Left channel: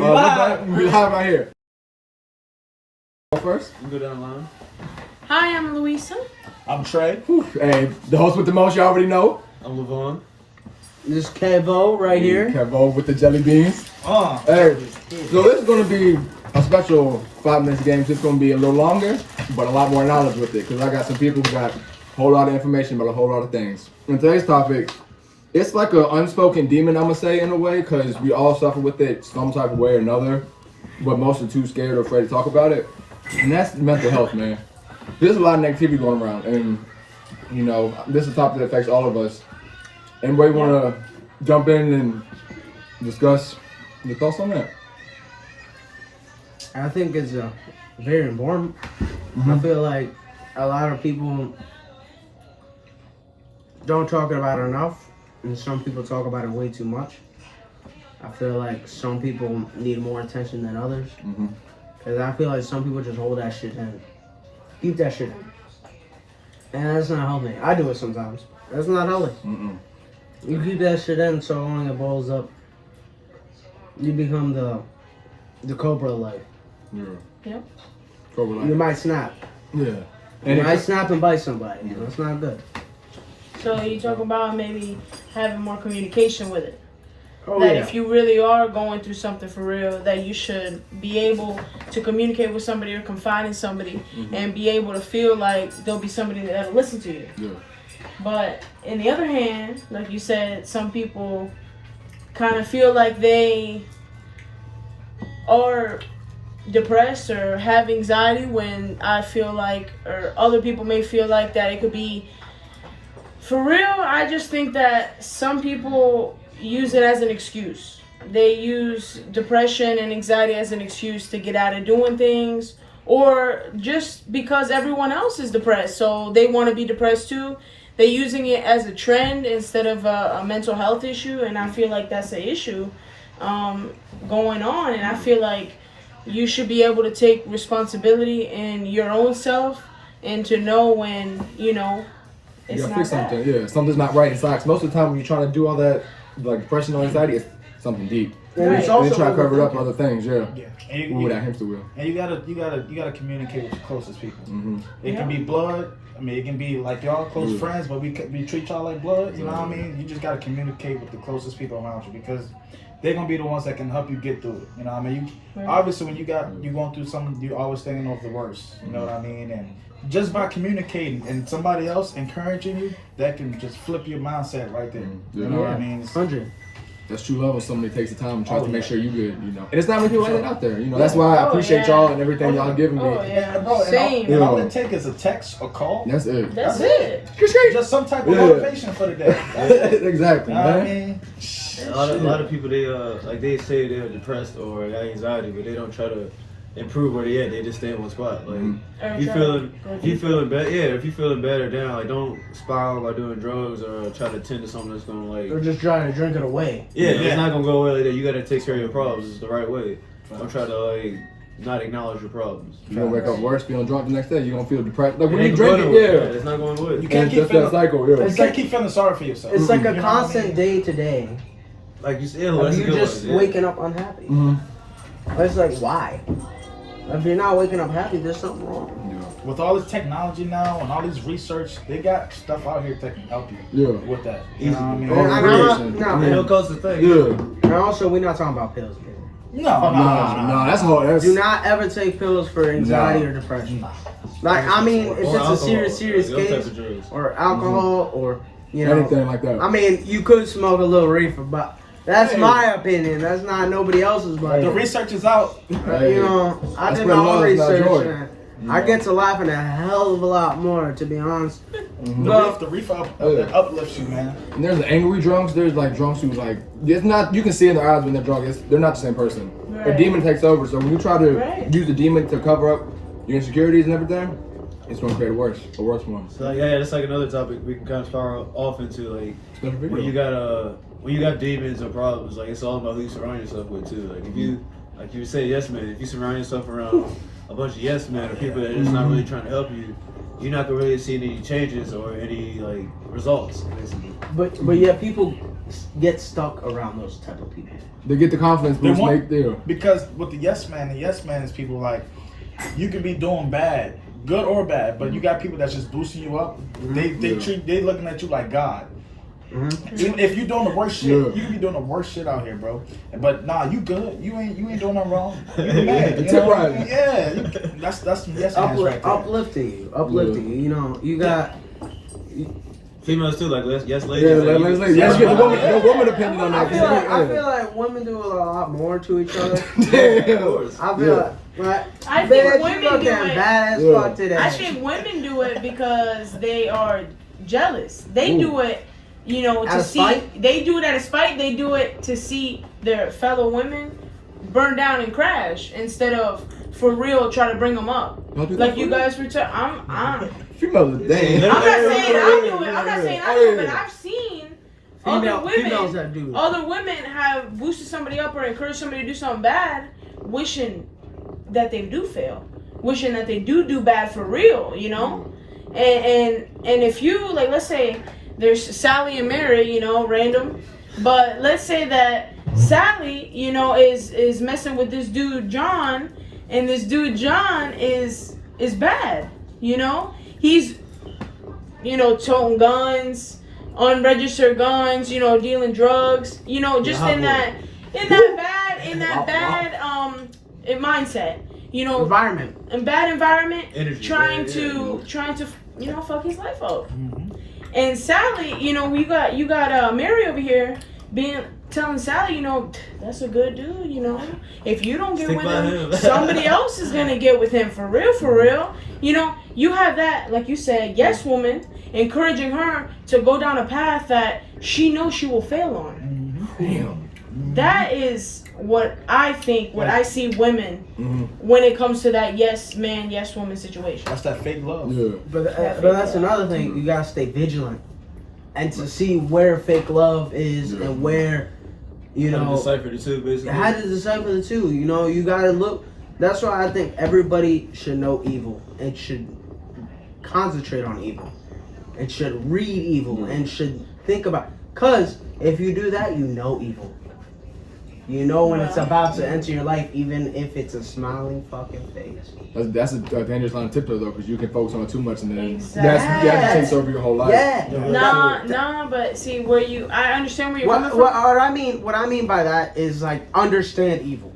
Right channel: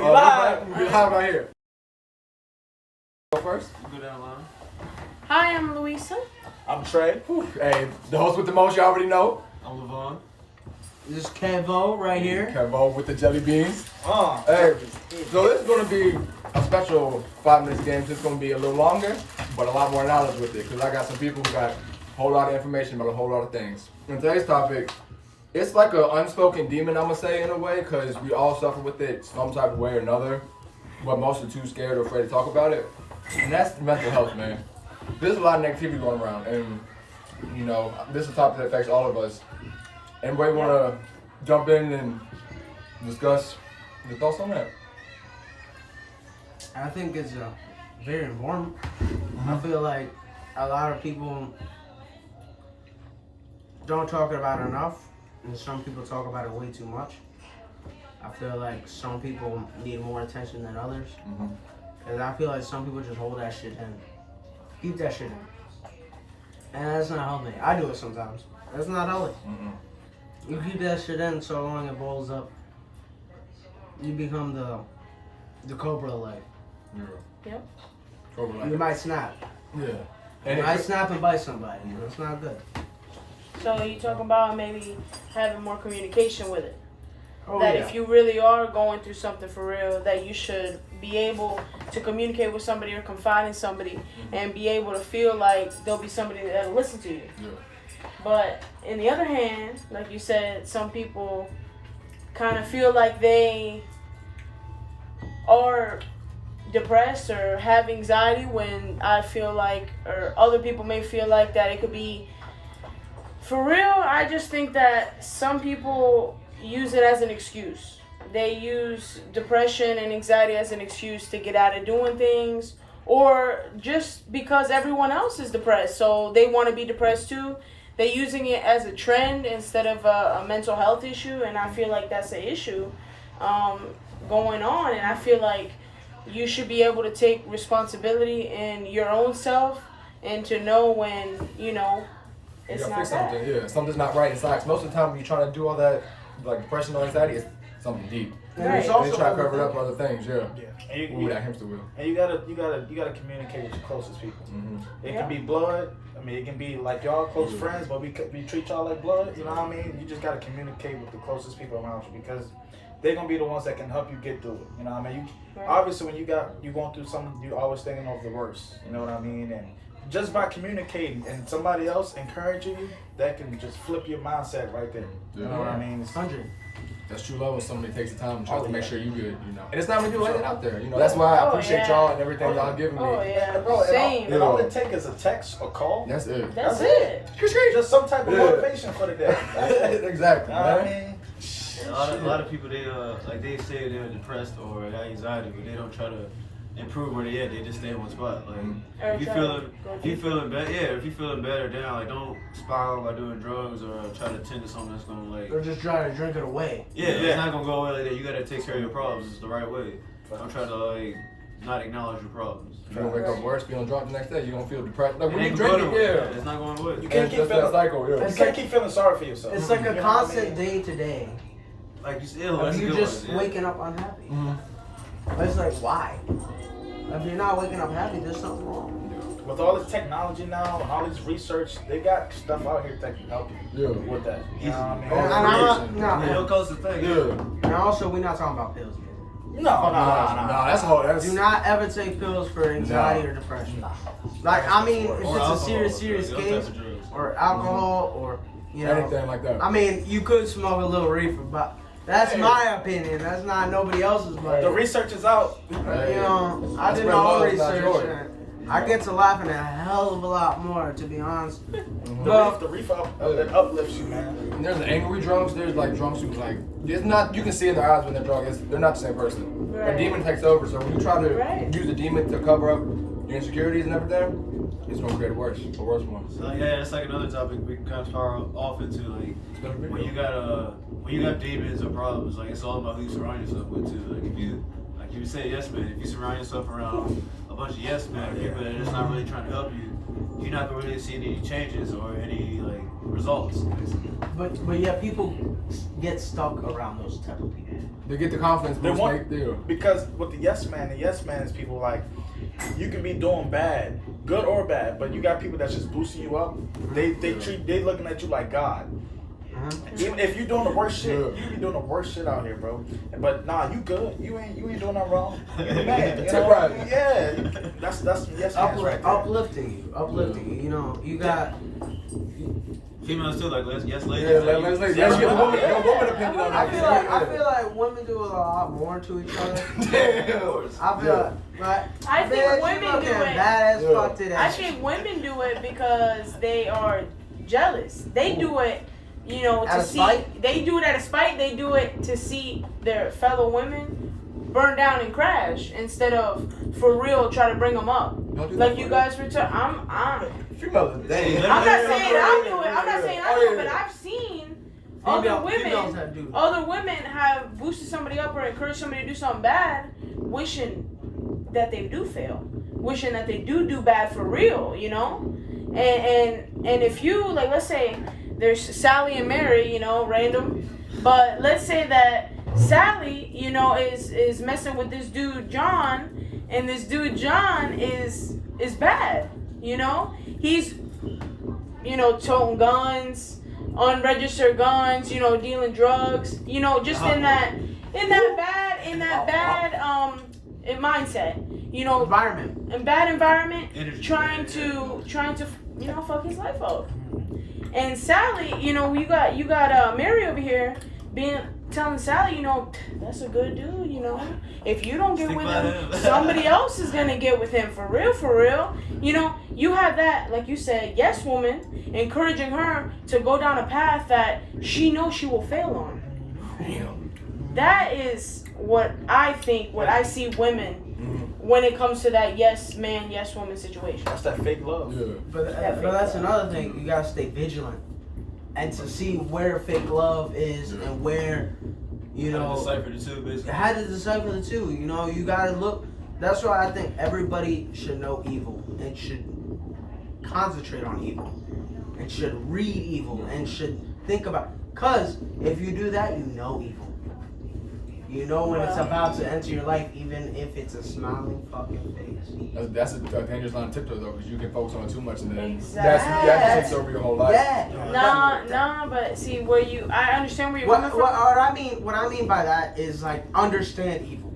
We live right here. Go first. You go down the line. Hi, I'm Louisa. I'm Trey. Hey, the host with the most, you already know. I'm Levon. This is Kevo right here. Kevo with the jelly beans. Hey, so this is going to be a special 5 minutes game. It's going to be a little longer, but a lot more knowledge with it. Because I got some people who got a whole lot of information about a whole lot of things. And today's topic, it's like an unspoken demon, I'm going to say, in a way. Because we all suffer with it some type of way or another. But most are too scared or afraid to talk about it. And that's mental health, man. There's a lot of negativity going around. And, you know, this is a topic that affects all of us. Anybody want to jump in and discuss the thoughts on that? I think it's very important. I feel like a lot of people don't talk about it enough, and some people talk about it way too much. I feel like some people need more attention than others. Because I feel like some people just hold that shit in. Keep that shit in. And that's not healthy. I do it sometimes. That's not healthy. You keep that shit in so long it balls up. You become the Cobra life. Yeah. Yep. Cobra life. You might snap. Yeah. You And might snap and bite somebody. That's not good. So you talk about maybe having more communication with it. Oh That yeah. if you really are going through something for real, that you should be able to communicate with somebody or confide in somebody and be able to feel like there'll be somebody that'll listen to you. Yeah. But in the other hand, like you said, some people kind of feel like they are depressed or have anxiety when I feel like, or other people may feel like that it could be for real. I just think that some people use it as an excuse. They use depression and anxiety as an excuse to get out of doing things, or just because everyone else is depressed, so they want to be depressed too. They're using it as a trend instead of a mental health issue, and I feel like that's an issue going on. And I feel like you should be able to take responsibility in your own self and to know when, you know, You it's gotta not fix that. something. Yeah, something's not right inside. 'Cause most of the time when you're trying to do all that, like depression or anxiety, it's something deep. And it's Right. And they also try to cover it up with other things, yeah. Yeah, and Ooh, that hamster wheel. and you gotta communicate with your closest people. It Yeah. can be blood. I mean, it can be like y'all close Yeah. friends, but we treat y'all like blood. You know what I mean? You just gotta communicate with the closest people around you because they're gonna be the ones that can help you get through it. You know what I mean? Right. Obviously, when you going through something, you always thinking of the worst. You know what I mean? And just by communicating and somebody else encouraging you, that can just flip your mindset right there. Yeah. You know what I mean? 100. That's true love when somebody takes the time and tries Oh, to make yeah. sure you good, you know. And it's not many people like that out there, you know. That's why I Oh, appreciate yeah. y'all and everything y'all giving me. Oh, yeah. And bro, Same. and all Yeah. it takes is a text or call. That's it. That's That's it. Just some type of Yeah. motivation for the day. That's it. Exactly, You know what I man. mean? A lot of people they say they're depressed or have anxiety, but they don't try to improve where they at. They just stay in one spot. Like Or if you try feeling to go if you deeper. feeling bad, if you feeling bad or down, like don't spiral by doing drugs or try to tend to something that's gonna like Or just trying to drink it away. yeah, Yeah. it's not gonna go away like that. You gotta take care of your problems the right way. Don't try to like not acknowledge your problems. You're gonna wake up worse, feeling drunk the next day, you're gonna feel depressed. Like when It you ain't drink going it, away. yeah. It's not going away. You And can't it's keep just that feeling cycle, yeah. you can't keep feeling sorry for yourself. It's like a You know what I constant mean? day to day. Like you said, Of that's a you good just one. Yeah. waking up unhappy. Mhm. It's like, why? If you're not waking up happy, there's something wrong. With all this technology now and all this research, they got stuff out here that can help you Yeah. with that. You know what I mean? Oh, And I'm not- creation. no, It Yeah. don't cost a thing. Yeah. And also, we're not talking about pills, people. Nah, that's hard. That's Do not ever take pills for anxiety or depression. Like, I mean, if Or it's a serious those type case, of drugs. or alcohol, or, you know. anything like that. I mean, you could smoke a little reefer, but that's Hey. my opinion. That's not nobody else's. But The research is out. Hey. you know, I That's did where my love own is not research. joy. And I get to laughing a hell of a lot more, to be honest. The reefer uplifts you, man. And there's the angry drunks. There's like drunks who like it's not. You can see in their eyes when they're drunk. They're not the same person. A Right. demon takes over. So when you try to Right. use the demon to cover up your insecurities and everything, it's gonna create a worse one. So like, yeah, that's like another topic we can kind of start off into. Like when you got demons or problems, like it's all about who you surround yourself with too. Like if you like you say yes man, if you surround yourself around a bunch of yes men or people that are just not really trying to help you, you're not gonna really see any changes or any like results. Basically. But yeah, people get stuck around those type of people. They get the confidence They boost. want- Make there. Because with the yes man is people like, you can be doing bad, good or bad, but you got people that's just boosting you up. They looking at you like God. Even if you're doing the worst shit, you can be doing the worst shit out here, bro. But nah, you good. You ain't doing nothing wrong. You the man. You know? Right. Yeah, that's some yes man's right there. Uplifting you. You know, you got. Females too, like yes, Yeah, ladies. let's Yeah, get the yeah. woman opinion on that. I feel like women do a lot more to each other. Damn. I feel like, I bitch, think you women looking do it. bad as Yeah. fuck today. I think women do it because they are jealous. They do it, you know, Out to of see. spite? They do it out of spite. They do it to see their fellow women burn down and crash instead of for real try to bring them up. Y'all do that Like for you real? guys were. I'm Females, damn. not saying I do it. I'm not saying I do it, but I've seen other females women. that do that. Other women have boosted somebody up or encouraged somebody to do something bad, wishing that they do fail, wishing that they do bad for real, you know. And if you like, let's say there's Sally and Mary, you know, random, but let's say that Sally, you know, is messing with this dude John, and this dude John is bad, you know. He's, you know, toting guns, unregistered guns, you know, dealing drugs, you know, just in that bad mindset, you know, environment. in bad environment, Energy, trying yeah. to you know, fuck his life up. And Sally, you know, you got Mary over here telling Sally, you know, that's a good dude, you know. If you don't get Stick with by him, him. somebody else is gonna get with him for real. You know, you have that, like you said, yes woman, encouraging her to go down a path that she knows she will fail on. Damn. That is what I think, what I see women when it comes to that yes man, yes woman situation. That's that fake love. Yeah. But that's another thing. You gotta stay vigilant, and to see where fake love is and where, you know, decipher the two, basically. how to decipher the two. You know, you gotta look. That's why I think everybody should know evil and should concentrate on evil and should read evil and should think about. Cause if you do that, you know evil. You know when it's about to enter your life, even if it's a smiling fucking face. That's a dangerous line of tiptoe though, because you can focus on it too much and then Exactly. that takes over your whole life. Yeah. Nah, but see I understand where you're What coming from. I mean by that is like understand evil.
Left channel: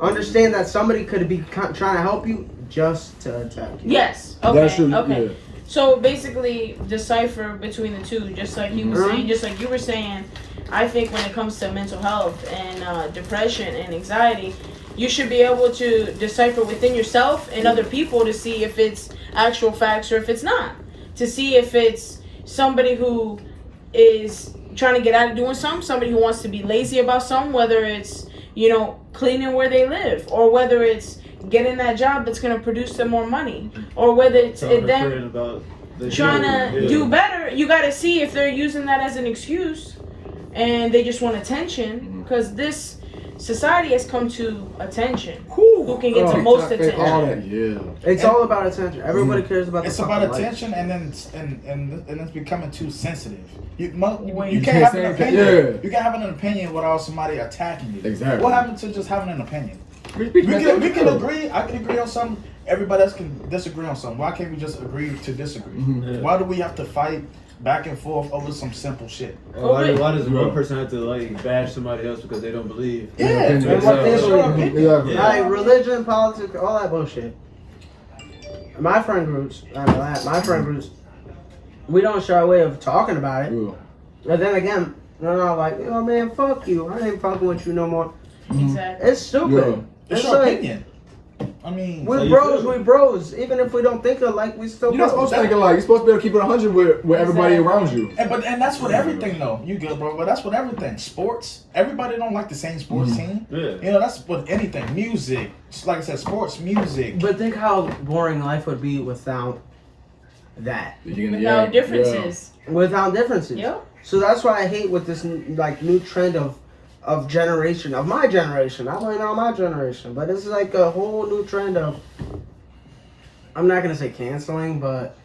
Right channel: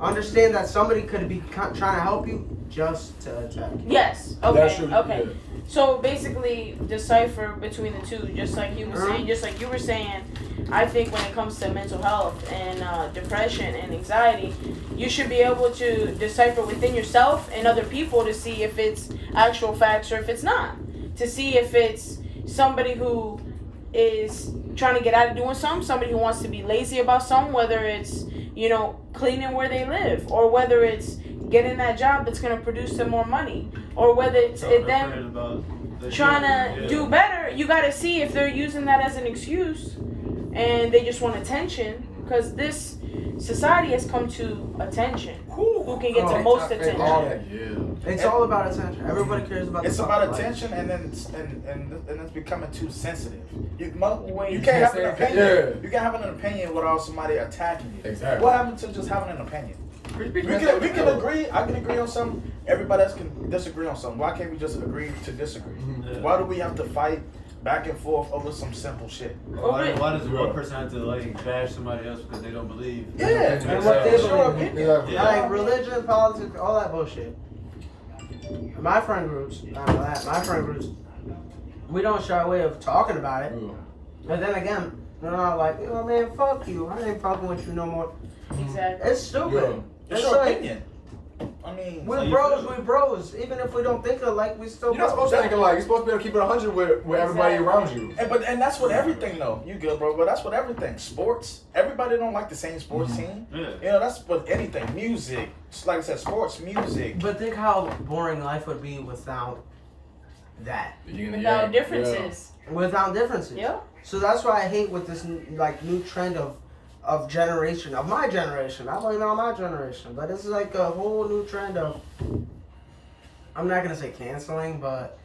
Understand that somebody could be trying to help you just to attack you. Yes. Okay. That's true. Okay. Yeah. So basically, decipher between the two, just like you were saying, just like you were saying. I think when it comes to mental health and depression and anxiety, you should be able to decipher within yourself and other people to see if it's actual facts or if it's not. To see if it's somebody who is trying to get out of doing something, somebody who wants to be lazy about something, whether it's, you know, cleaning where they live, or whether it's getting that job that's going to produce them more money, or whether it's them trying to do better. You got to see if they're using that as an excuse and they just want attention, because this society has come to attention. Who can get the most attention? All that, yeah. It's all about attention. Everybody cares about. It's the about fucking life. attention, and then and it's becoming too sensitive. You You can't can't have say an anything, opinion. yeah. You can't have an opinion without somebody attacking you. Exactly. What happened to just having an opinion? We can agree. I can agree on something. Everybody else can disagree on something. Why can't we just agree to disagree? Why do we have to fight back and forth over some simple shit? Why does one person have to like bash somebody else because they don't believe? Yeah, And what they it's your believe. opinion. Yeah. Like religion, politics, all that bullshit. My friend groups, we don't shy away of talking about it. Yeah. But then again, they're not like, oh man, fuck you. I ain't fucking with you no more. Exactly. It's stupid. It's It's your like, opinion. I mean, we're you bros, feel? we bros. Even if we don't think alike, we still You're not bros. supposed to think alike. You're supposed to be able to keep it 100 with everybody around you. and that's what everything though. You good, bro? But that's what everything. Sports. Everybody don't like the same sports team. Yeah. You know, that's with anything. Music. Just like I said, sports, music. But think how boring life would be without that. Without differences. Without differences. Yep. So that's why I hate with this like new trend of generation, of my generation. I blame it on my generation, but it's like a whole new trend of, I'm not gonna say canceling, but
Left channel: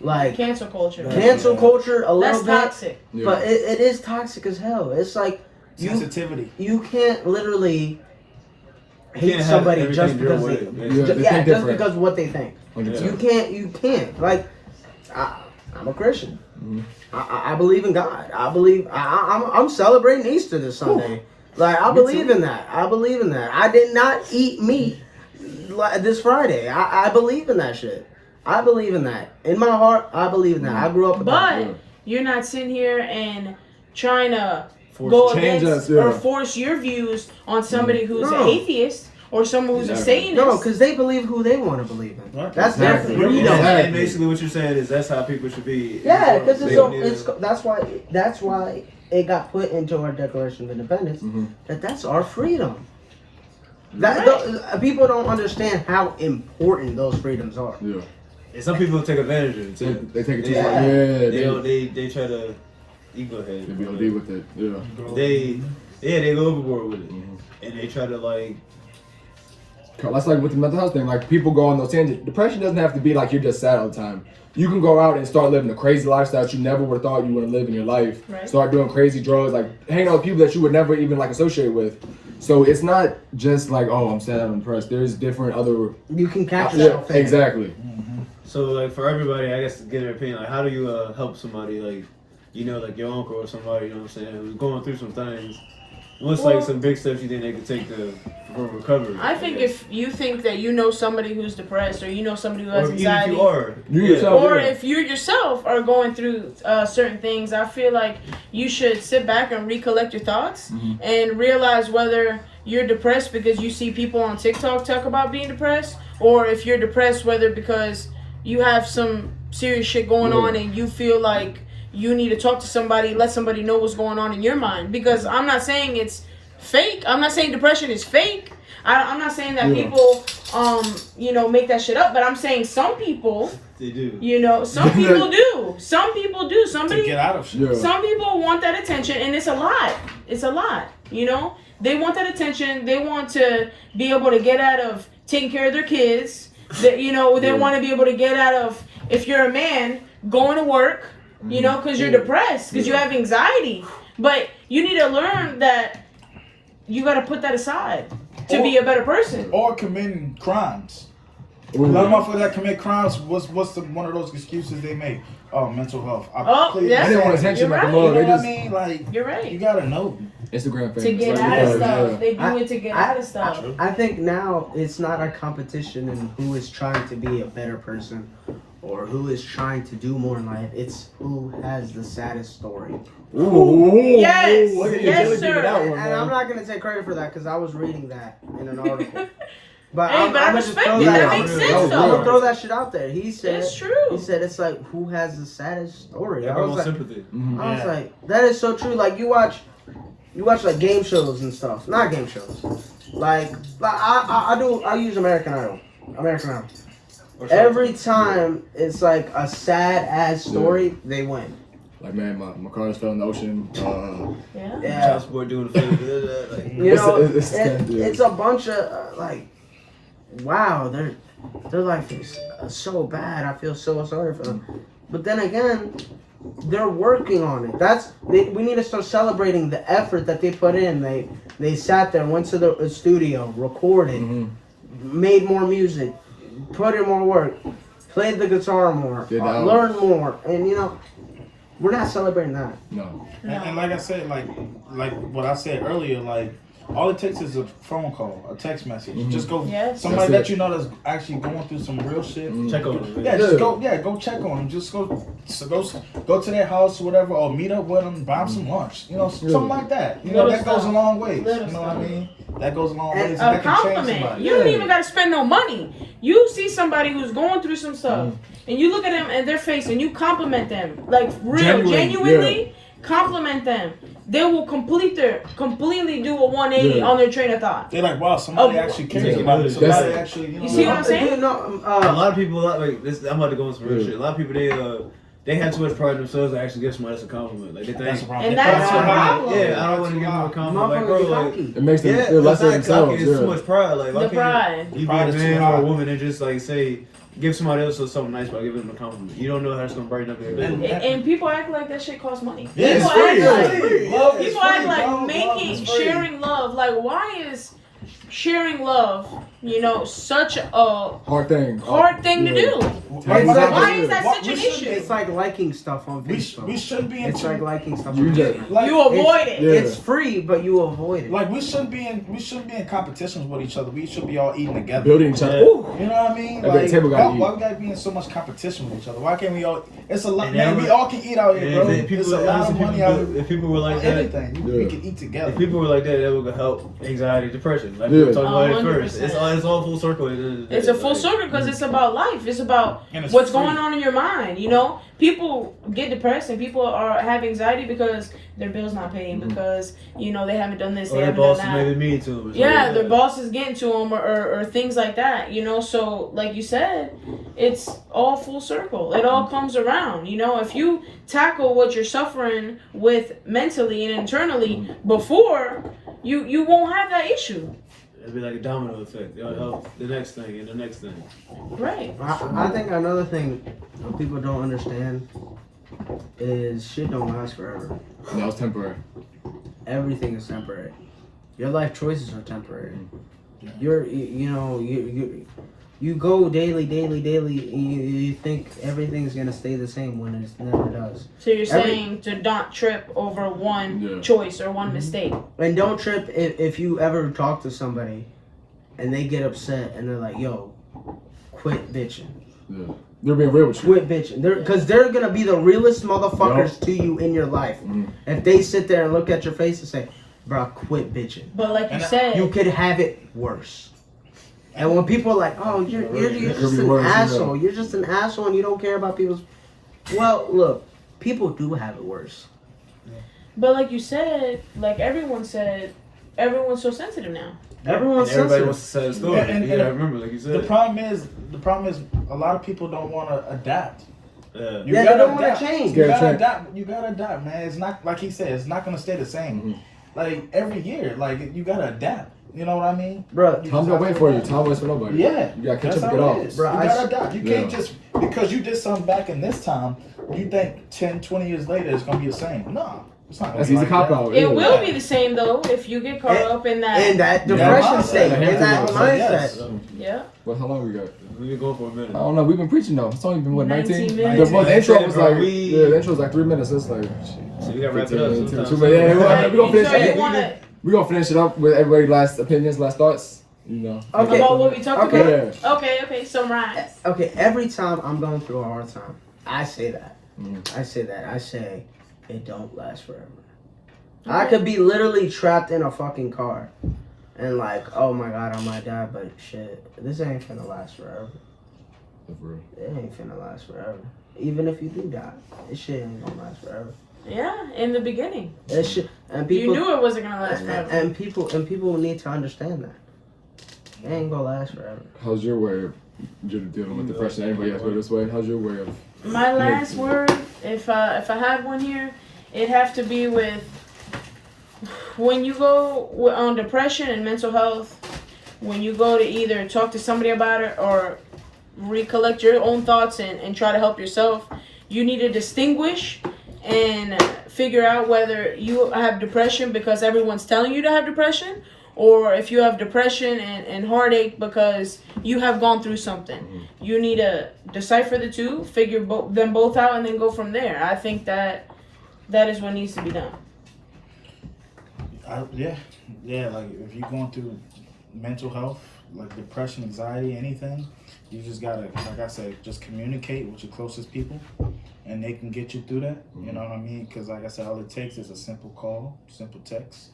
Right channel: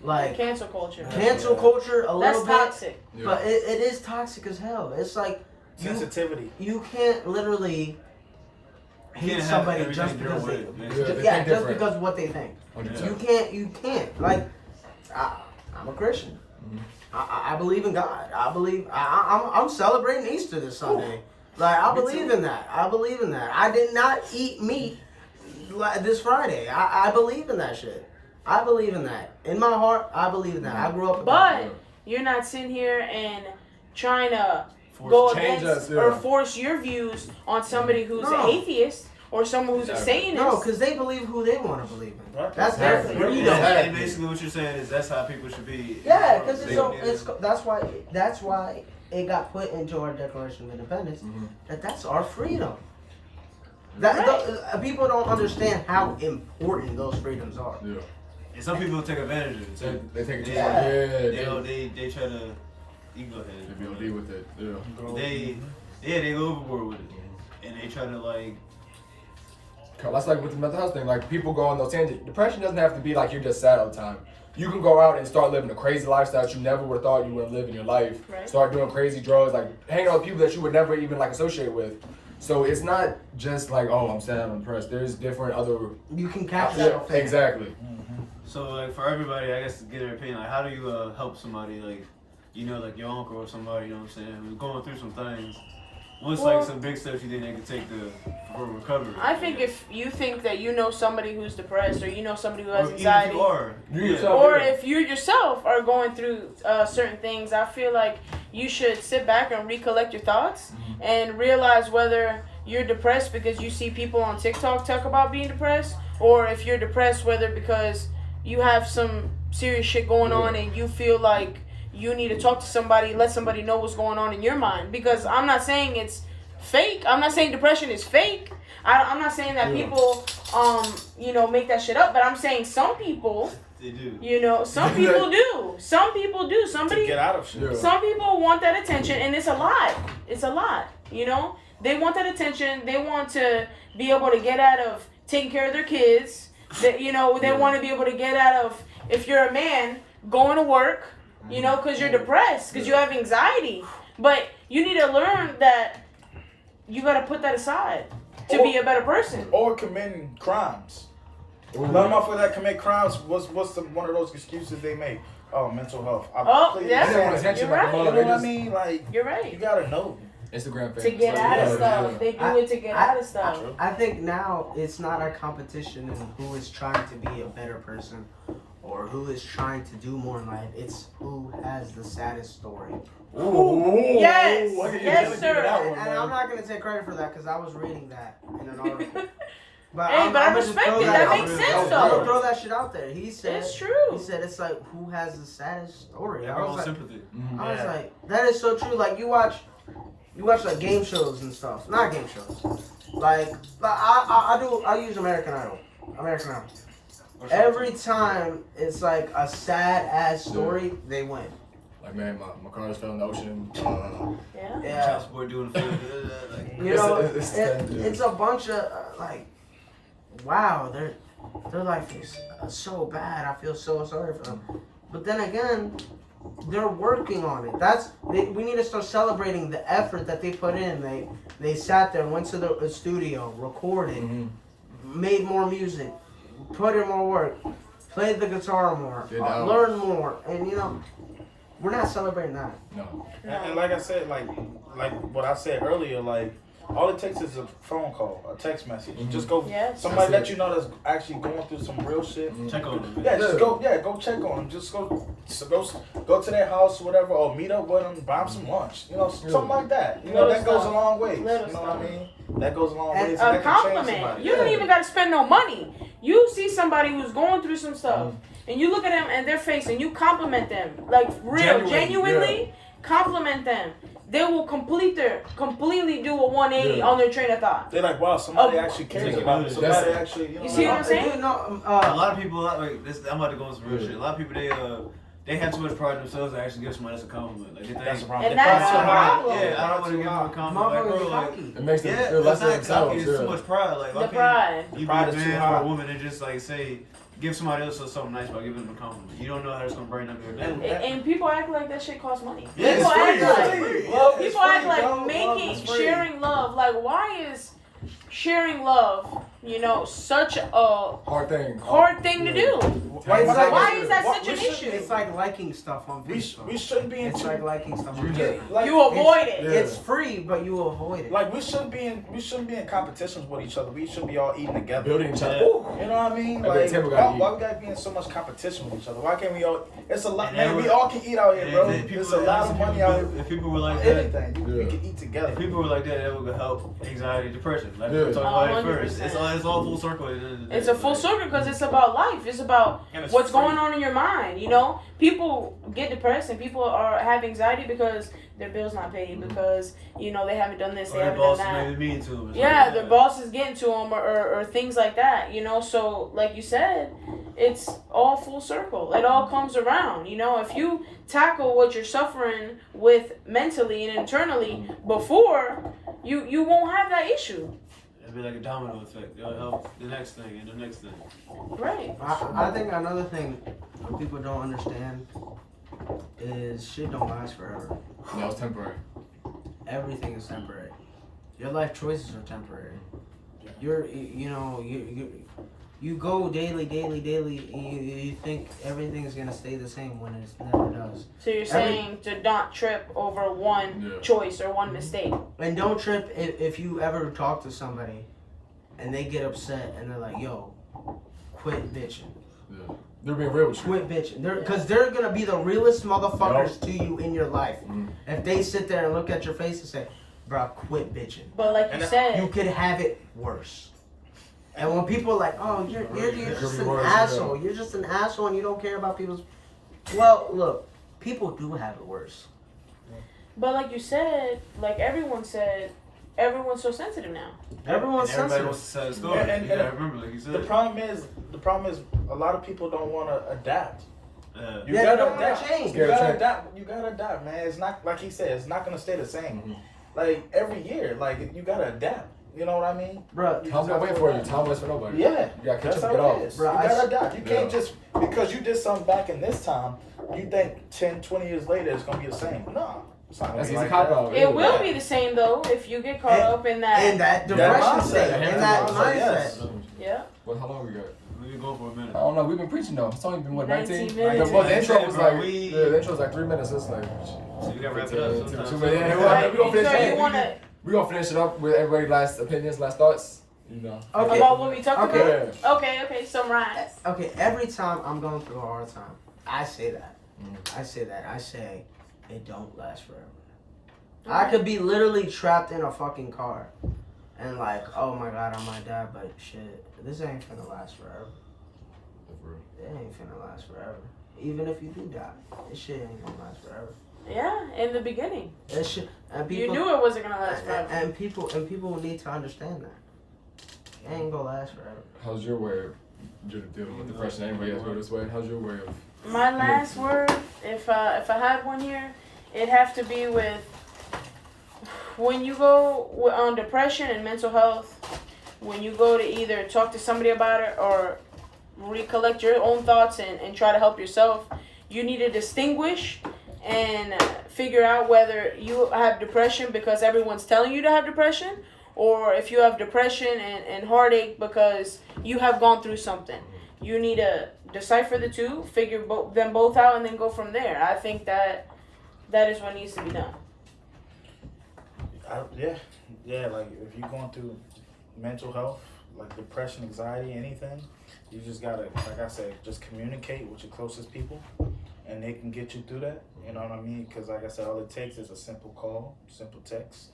like Cancel culture. cancel culture a Less little bit. toxic. Yeah. But it is toxic as hell. It's like sensitivity. You can't literally You hate can't have somebody everything just your because way. they, Yeah, they think just different. because of what they think. 100%. You can't. Like, I'm a Christian. Mhm. I believe in God. I believe I'm celebrating Easter this Sunday. Like, I believe in that. I believe in that. I did not eat meat this Friday. I believe in that shit. I believe in that. In my heart, I believe in that. I grew up with that. But you're not sitting here and trying to Force go change against us, yeah. or force your views on somebody who's No. an atheist or someone who's a Exactly. Satanist. No, because they believe who they want to believe in. Right. That's their Exactly. freedom. Exactly. And basically, what you're saying is that's how people should be. Yeah, informed. because They don't need it's to- that's why it got put into our Declaration of Independence. Mhm. That's our freedom. People don't understand how important those freedoms are. Yeah. And some people take advantage of it They, too. they take it too Yeah. far. Yeah, They try to. You go ahead. They be OD with it. Yeah. They go overboard with it, Mhm. and they try to like. That's like with the mental health thing. Like people go on those tangents. Depression doesn't have to be like you're just sad all the time. You can go out and start living a crazy lifestyle that you never would have thought you would live in your life. Right. Start doing crazy drugs, like hanging out with people that you would never even like associate with. So it's not just like, oh, I'm sad, I'm depressed. There's different other. You can catch Yeah, yourself. in it. exactly. So like for everybody, I guess to get their opinion, like how do you help somebody like, like your uncle or somebody, you know what I'm saying, who's going through some things? What's Well- like some big steps you think they could take for recovery? I think if you think that you know somebody who's depressed or you know somebody who or has even if anxiety, you are, You yourself- or yeah. if you yourself are going through certain things, I feel like you should sit back and recollect your thoughts and realize whether you're depressed because you see people on TikTok talk about being depressed, or if you're depressed whether because you have some serious shit going on and you feel like you need to talk to somebody, let somebody know what's going on in your mind. Because I'm not saying it's fake. I'm not saying depression is fake. I'm not saying that people, make that shit up. But I'm saying some people, they do. some people do. Some people do. To Somebody, get out of shit. Yeah. some people want that attention, and it's a lot. It's a lot. They want that attention. They want to be able to get out of taking care of their kids. They want to be able to get out of, if you're a man, going to work, because you're depressed, because you have anxiety. But you need to learn that you got to put that aside to be a better person. Or committing crimes. A lot of motherfuckers that commit crimes, what's one of those excuses they make? Oh, mental health. Yeah. They want attention You're like a right. mug. You know They what I just mean? Like, You're right. you gotta know. Instagram famous. To get Like, out yeah, of stuff. yeah. They do it to get out of stuff. I think now it's not a competition in who is trying to be a better person or who is trying to do more in life. It's who has the saddest story. Ooh, Yes, look at you yes, really sir. digging that one, And I'm man. not gonna take credit for that because I was reading that in an article. But Hey, I'm but I gonna just respect throw it. that That out makes there. sense, That was I'm though. gonna throw that shit out there. He said, It's true. He said it's like who has the saddest story. I Everyone's was like, sympathy. Mhm. I was like, that is so true. Like you watch like game shows and stuff. Not game shows. Like I use American Idol. Every time it's like a sad ass story, they win. Like, man, my car just fell in the ocean. Yeah. Yeah. Child support doing things. Like, You know, It's- it's a bunch of like, wow, their life is so bad. I feel so sorry for them. But then again, they're working on it. We need to start celebrating the effort that they put in. They sat there, went to the studio, recorded, made more music, put in more work, played the guitar more, Did hours. learned more, and we're not celebrating that. No. And like I said, like what I said earlier, like all it takes is a phone call, a text message. Just go Yes. somebody That's that you know that's actually going through some real shit. check on them. Yeah, just go check on them. Just go to their house or whatever, or meet up with them, buy them some lunch. Something like that. Little That goes a stuff. long way. Little You know what I stuff. mean? That goes a long And way, and A that can change compliment. somebody. You don't even got to spend no money. You see somebody who's going through some stuff, and you look at them and their face, and you compliment them, like genuinely compliment them. They will completely do a 180 on their train of thought. They're like, wow, somebody Oh, actually cares yeah. about me. Somebody That's- actually, You see what I'm saying? You know, A lot of people, like, I'm about to go into some real shit. A lot of people, they have too much pride in themselves to actually give somebody else a compliment. Like, they think, That's the problem. And that's They're the proud too high. problem. yeah, I don't want to give you a compliment. Like, bro, motherfuckers like, cocky. It makes them yeah, feel less than exactly. themselves. It's too Yeah. much pride. Like, The why pride. can't you be Pride a is too man high. or a woman and just, like, say, give somebody else something nice by giving them a compliment. You don't know how it's gonna brighten up their day. And people act like that shit costs money. Yeah, it's People free. act like, It's free. Love is people act free, like bro. Love making, is free. sharing love. Like, why is sharing love, such a Hard thing. hard thing to do? Like, It's like- Why is that what- such we an should- issue? It's like liking stuff on We Facebook. shouldn't be It's into like liking stuff You on just- Facebook. like, You avoid it. Yeah. It's free, but you avoid it. Like we shouldn't be in competitions with each other. We should be all eating together. Building each other. Yeah. Ooh. You know what I mean? Every Like, table gotta why eat. we gotta be in so much competition with each other? Why can't we all? It's a lot, And man. then We we- all can eat out here, And bro. if people- There's a lot of money out here. If people were like that, Anything we Yeah. can eat together. if people were like that, that would help anxiety, depression. Like we Yeah. were talking about it first. 100%. It's all full circle. at the end of the day. It's a full Like, circle because it's about life. It's about And it's what's free. going on in your mind. People get depressed and people have anxiety because their bill's not paid, because they haven't done this, Or they their haven't boss done is that. maybe mean to them. Yeah, their boss is getting to them or things like that. So like you said, it's all full circle. It all comes around. If you tackle what you're suffering with mentally and internally before, you won't have that issue. It'd be like a domino effect. It'll help the next thing and the next thing. Right. I think another thing that people don't understand is shit don't last forever. That was temporary. Everything is temporary. Your life choices are temporary. You go daily, and you think everything's gonna stay the same when it never does. So you're saying to not trip over one choice or one mistake. And don't trip if you ever talk to somebody and they get upset and they're like, "Yo, quit bitching." Yeah. They're being real with you. Quit bitching. Because they're gonna be the realest motherfuckers to you in your life. If they sit there and look at your face and say, "Bro, quit bitching." But like you And said, You could have it worse. And when people are like, "Oh, you're just be an worse, asshole. You're just an asshole and you don't care about people's..." Well, look, people do have it worse. but like you said, like everyone said, everyone's so sensitive now. Everyone's And everybody sensitive. wants to say the story. Yeah, and- Yeah, remember, like you said. The problem is, a lot of people don't want to adapt. Yeah. You Yeah, they gotta don't wanna adapt. change. You Gotta gotta change. adapt. You gotta adapt, man. It's not like he said. It's not gonna stay the same. Like every year, like you gotta adapt. You know what I mean? Bro, Time don't wait for you. Time waits for nobody. Yeah, You gotta catch that's up and how get it off. is. Bro, you I gotta s- adapt. You Yeah. can't just because you did something back in this time, you think 10, 20 years later it's gonna be the same. No, it's not gonna That's be easy like cop that. out. It yeah. will be the same though if you get caught And- up in that. in that Yeah, depression mindset. state, Yeah, in that mindset, mindset. yes. Yeah. Well, how long we got? We've been going for a minute. I don't know. We've been preaching though. It's only been what 19 19. minutes. The intro was like We- the intro was like 3 minutes. It's like So we gotta wrap it up 15, sometime. 2 minutes. Yeah, we gonna finish. So you wanna We gonna finish it up with everybody's last opinions, last thoughts. Okay. about what we talked Okay. about? Okay, summarize. Okay, every time I'm going through a hard time, I say that. Mhm. I say it don't last forever. I could be literally trapped in a fucking car and like, oh my god, I might die, but shit, this ain't finna last forever. It ain't finna last forever. Even if you do die, this shit ain't gonna last forever. Yeah, in the beginning. This shit, and You people knew it wasn't gonna last forever. and people need to understand that. It ain't gonna last forever. How's your way of dealing with depression? Anybody else go this way? How's your way of? My last word, if I had one here, it'd have to be with when you go on depression and mental health, when you go to either talk to somebody about it or recollect your own thoughts and try to help yourself, you need to distinguish and figure out whether you have depression because everyone's telling you to have depression, or if you have depression and heartache because you have gone through something. You need to decipher the two, figure them both out, and then go from there. I think that is what needs to be done. Yeah. Like if you're going through mental health, like depression, anxiety, anything, you just gotta, like I said, just communicate with your closest people, and they can get you through that. You know what I mean? Because like I said, all it takes is a simple call, simple text,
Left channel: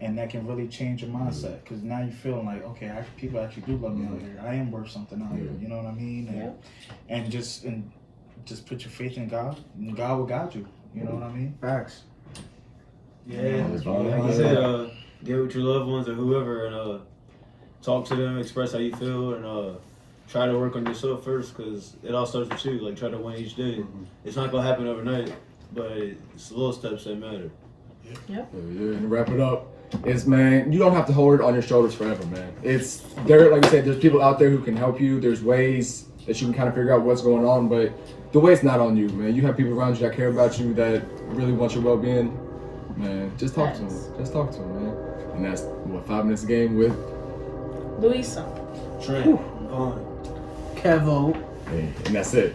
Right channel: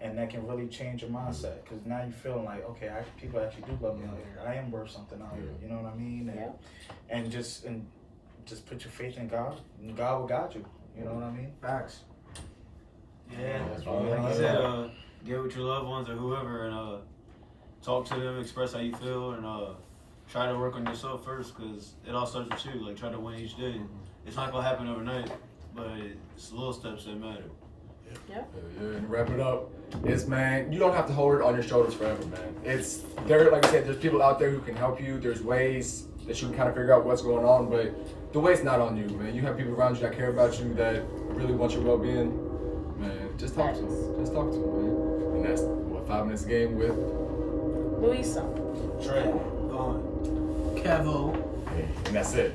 and that can really change your mindset. Because now you're feeling like, okay, people actually do love me out here. I am worth something out here. You know what I mean? And just put your faith in God, and God will guide you. You know what I mean? Facts. Yeah, that's like right. you said, get with your loved ones or whoever and talk to them, express how you feel, and try to work on yourself first because it all starts with you. Like, try to win each day. It's not going to happen overnight, but it's the little steps that matter. Yeah. And to wrap it up, man, you don't have to hold it on your shoulders forever, man. It's there, like I said, there's people out there who can help you. There's ways that you can kind of figure out what's going on. But the weight's not on you, man. You have people around you that care about you, that really want your well-being. Man, just talk to them. Just talk to them, man. And that's what 5 minutes a game with Luisa. Trey. Kevo. and that's it.